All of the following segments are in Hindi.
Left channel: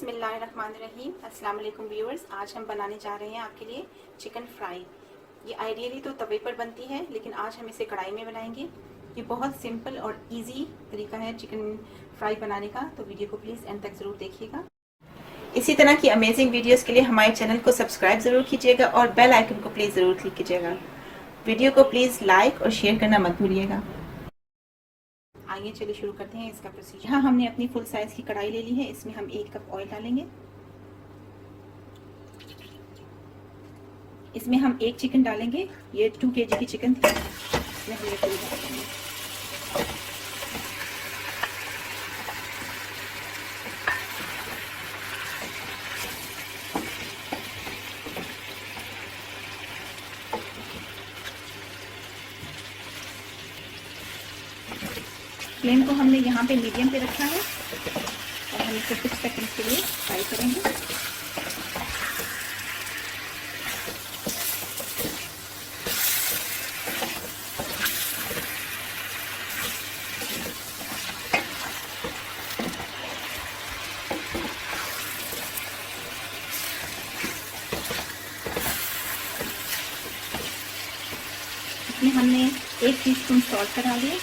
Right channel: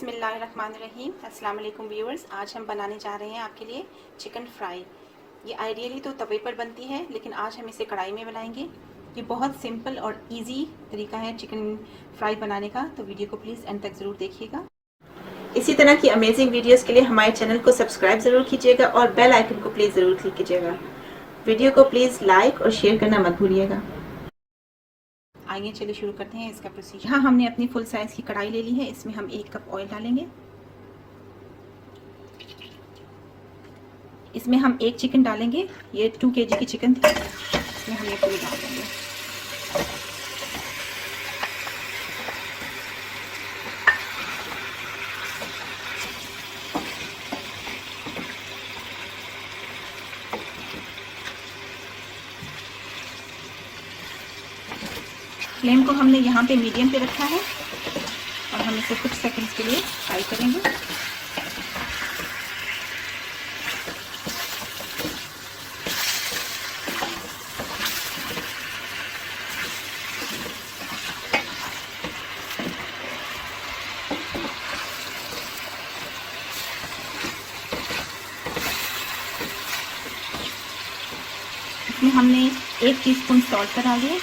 बिस्मिल्लाहिर्रहमानिर्रहीम। अस्सलाम वालेकुम व्यूअर्स। आज हम बनाने जा रहे हैं आपके लिए चिकन फ्राई। ये आइडियली तो तवे पर बनती है, लेकिन आज हम इसे कढ़ाई में बनाएंगे। ये बहुत सिंपल और इजी तरीका है चिकन फ्राई बनाने का, तो वीडियो को प्लीज़ एंड तक ज़रूर देखिएगा। इसी तरह की अमेजिंग वीडियोस के लिए हमारे चैनल को सब्सक्राइब ज़रूर कीजिएगा और बेल आइकन को प्लीज़ ज़रूर क्लिक कीजिएगा। वीडियो को प्लीज़ लाइक और शेयर करना मत भूलिएगा। आइए चलिए शुरू करते हैं इसका प्रोसीजर। यहाँ हमने अपनी फुल साइज़ की कढ़ाई ले ली है। इसमें हम 1 कप ऑयल डालेंगे। इसमें हम 1 चिकन डालेंगे। ये 2 kg की चिकन थी, इसमें हम ये पूरी डाल देंगे। फ्लेम को हमने यहाँ पे मीडियम पे रखा है और हम इसे कुछ सेकंड्स के लिए फ्राई करेंगे। इसमें हमने 1 टीस्पून सॉल्ट का डाल दिया।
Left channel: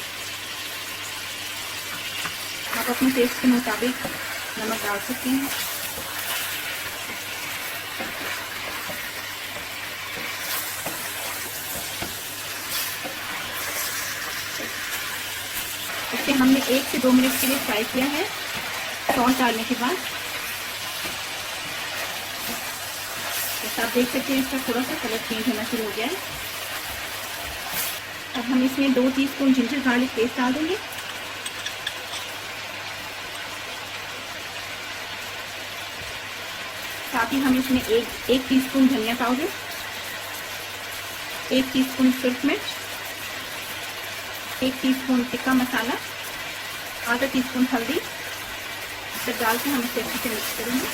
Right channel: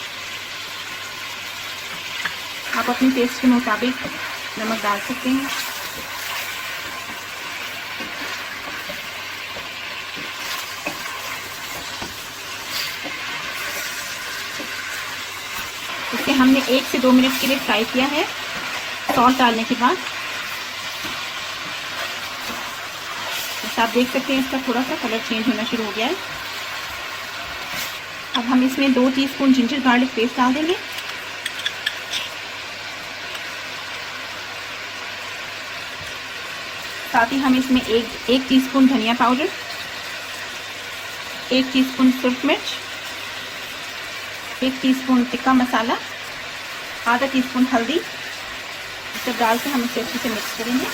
आप अपने टेस्ट के मुताबिक नमक डाल सकते हैं। इसे हमने 1 से 2 मिनट के लिए फ्राई किया है। सॉल्ट डालने के बाद आप देख सकते हैं इसका थोड़ा सा कलर चेंज होना शुरू हो गया है। अब हम इसमें 2 टीस्पून जिंजर गार्लिक पेस्ट डाल देंगे। साथ ही हम इसमें एक टीस्पून धनिया पाउडर, 1 टीस्पून सुरख मिर्च, 1 टीस्पून टिक्का मसाला, आधा टीस्पून हल्दी सब डाल के हम इसे अच्छे से मिक्स करेंगे।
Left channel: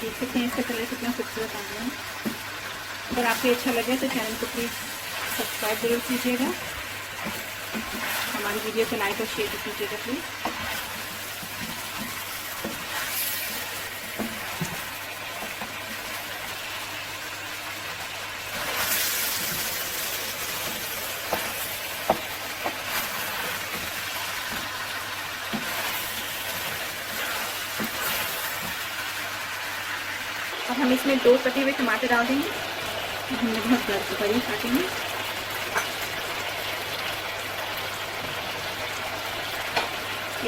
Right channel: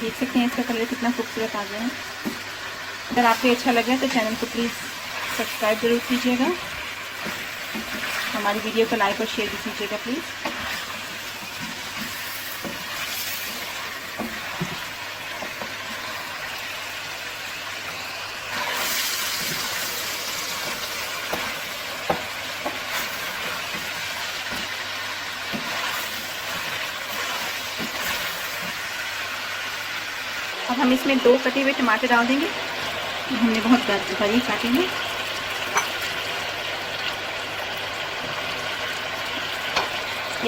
देख सकते हैं इसका कलर कितना खूबसूरत आ गया है। अगर आपको अच्छा लगे तो चैनल को प्लीज़ सब्सक्राइब जरूर कीजिएगा। हमारी वीडियो को लाइक और शेयर भी कीजिएगा प्लीज़। अब हम इसमें 2 कटे हुए टमाटर डाल देंगे। हमने बहुत बारीक काटेंगे।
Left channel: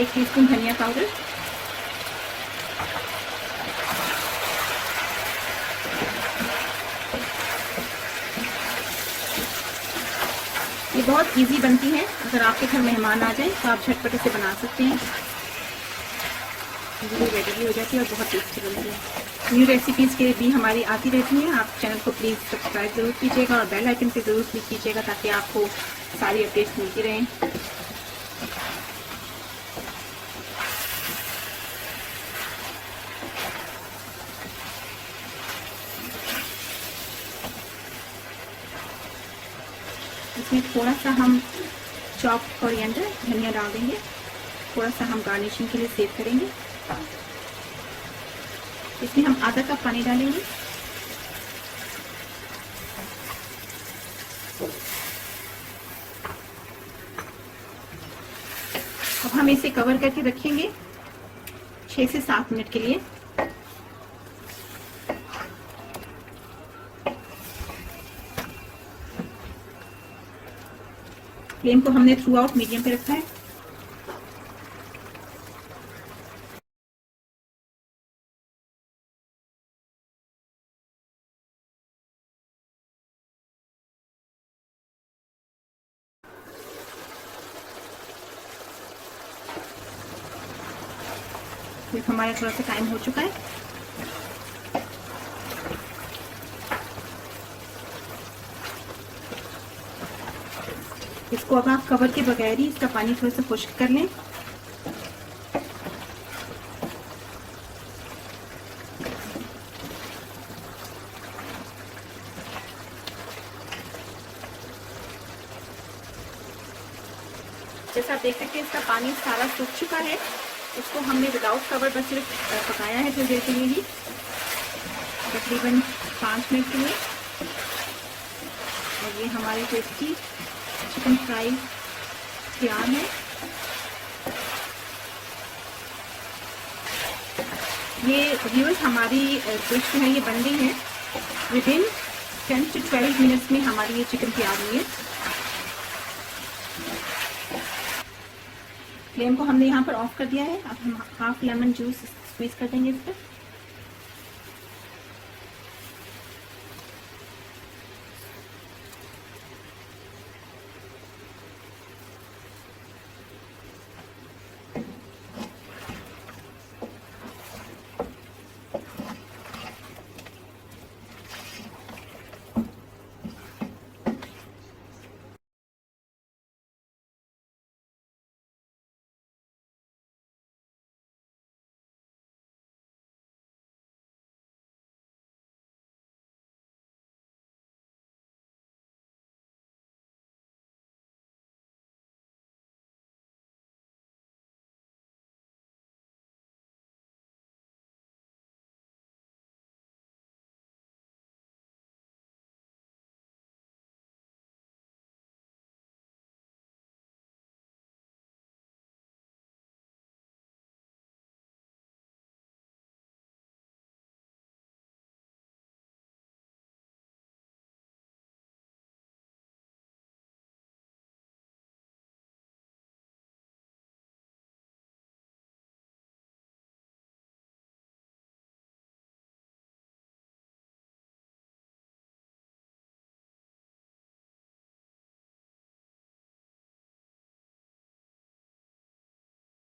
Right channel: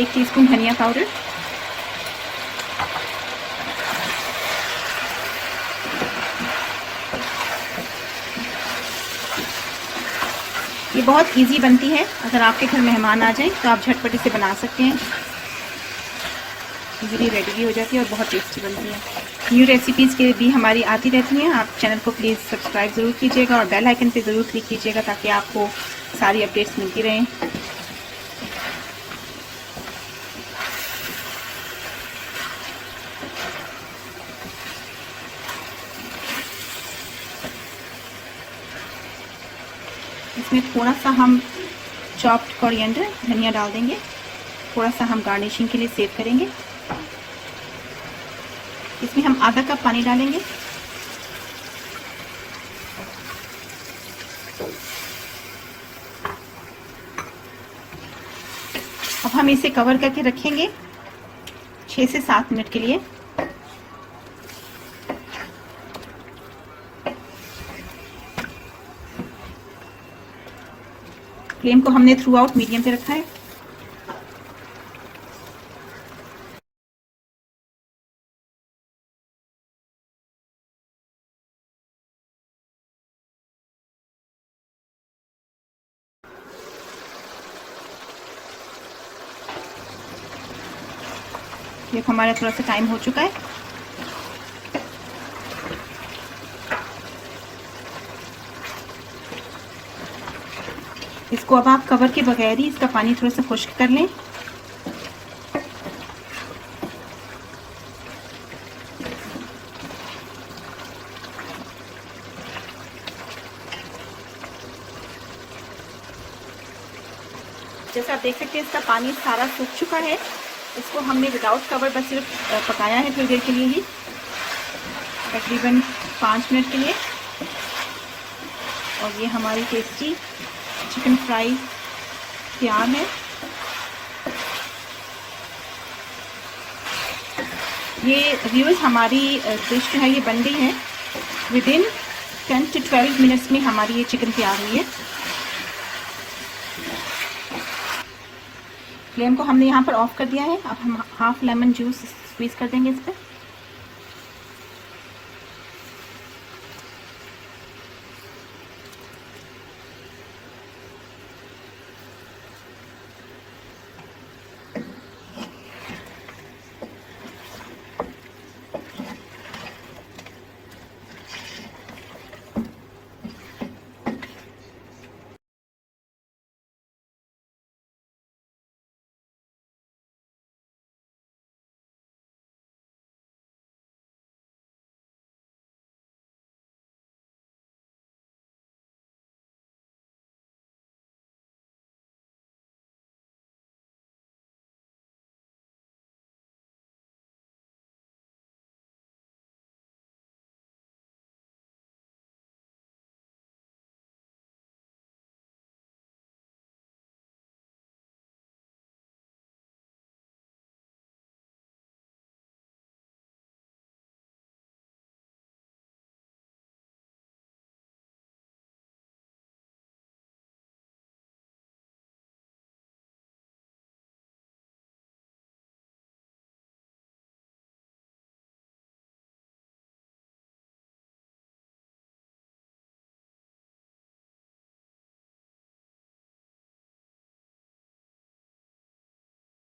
एक टीस्पून धनिया पाउडर, ये बहुत इजी बनती है। अगर आपके घर मेहमान आ जाए तो आप झटपट इसे बना सकते हैं। इजीली रेडी भी हो जाती है और बहुत टेस्टी बनती है। न्यू रेसिपीज़ के लिए भी हमारी आती रहती हैं। आप चैनल को प्लीज़ सब्सक्राइब ज़रूर कीजिएगा और बेल आइकन पे ज़रूर क्लिक कीजिएगा ताकि आपको सारी अपडेट्स मिलती रहें। इसमें थोड़ा सा हम चॉप्ड कोरिएंडर धनिया डाल देंगे। थोड़ा सा हम गार्निशिंग के लिए सेव करेंगे। इसमें हम आधा कप पानी डालेंगे। अब हम इसे कवर करके रखेंगे 6 से 7 मिनट के लिए। फ्लेम को हमने थ्रू आउट मीडियम पे रखा है। ये हमारा थोड़ा सा टाइम हो चुका है। इसको अब आप कवर के बगैर ही इसका पानी थोड़ा सा खुश्क कर लें। जैसे आप देख सकते हैं इसका पानी सारा सूख चुका है। इसको हमने विदाउट कवर बस सिर्फ पकाया है थोड़ी देर के लिए ही, तकरीबन 5 मिनट के लिए। और ये हमारी टेस्टी चिकन फ्राई तैयार है। ये व्यूज़ हमारी डिश है, ये बन गई है। विदिन 10 to 12 मिनट्स में हमारी ये चिकन तैयार हुई है। फ्लेम को हमने यहाँ पर ऑफ कर दिया है। अब हम हाफ लेमन जूस स्क्वीज़ कर देंगे इस पर।